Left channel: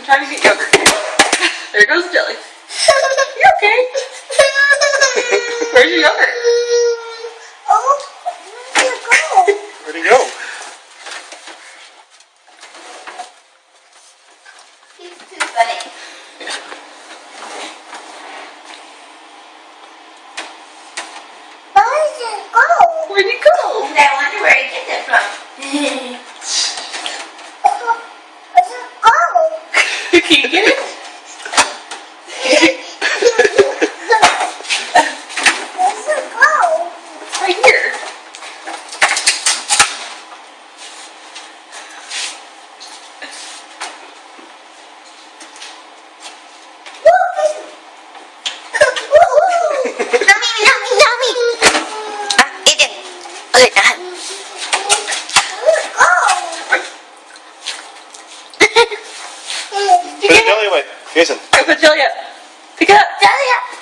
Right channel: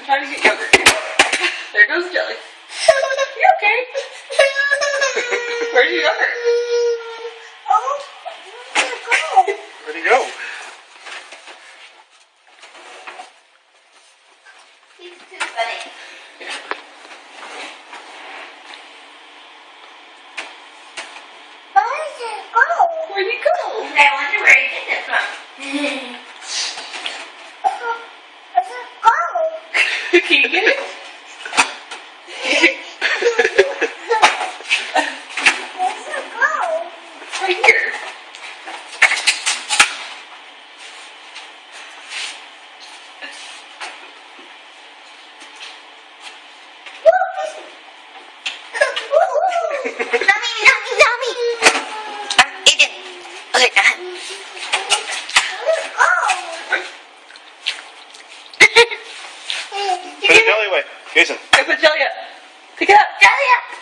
I'm trying to get yogurt. There goes Jelly. You okay? Where's your yogurt? Oh, where'd it go? Where'd he go? He's too funny. Where did it go? Where'd he go? I wonder where he gets it from. Where'd it go? Can you get it? Where'd it go? It's right here. Put the jelly away. Cason. Go put Jelly up. Pick it up. Jelly up.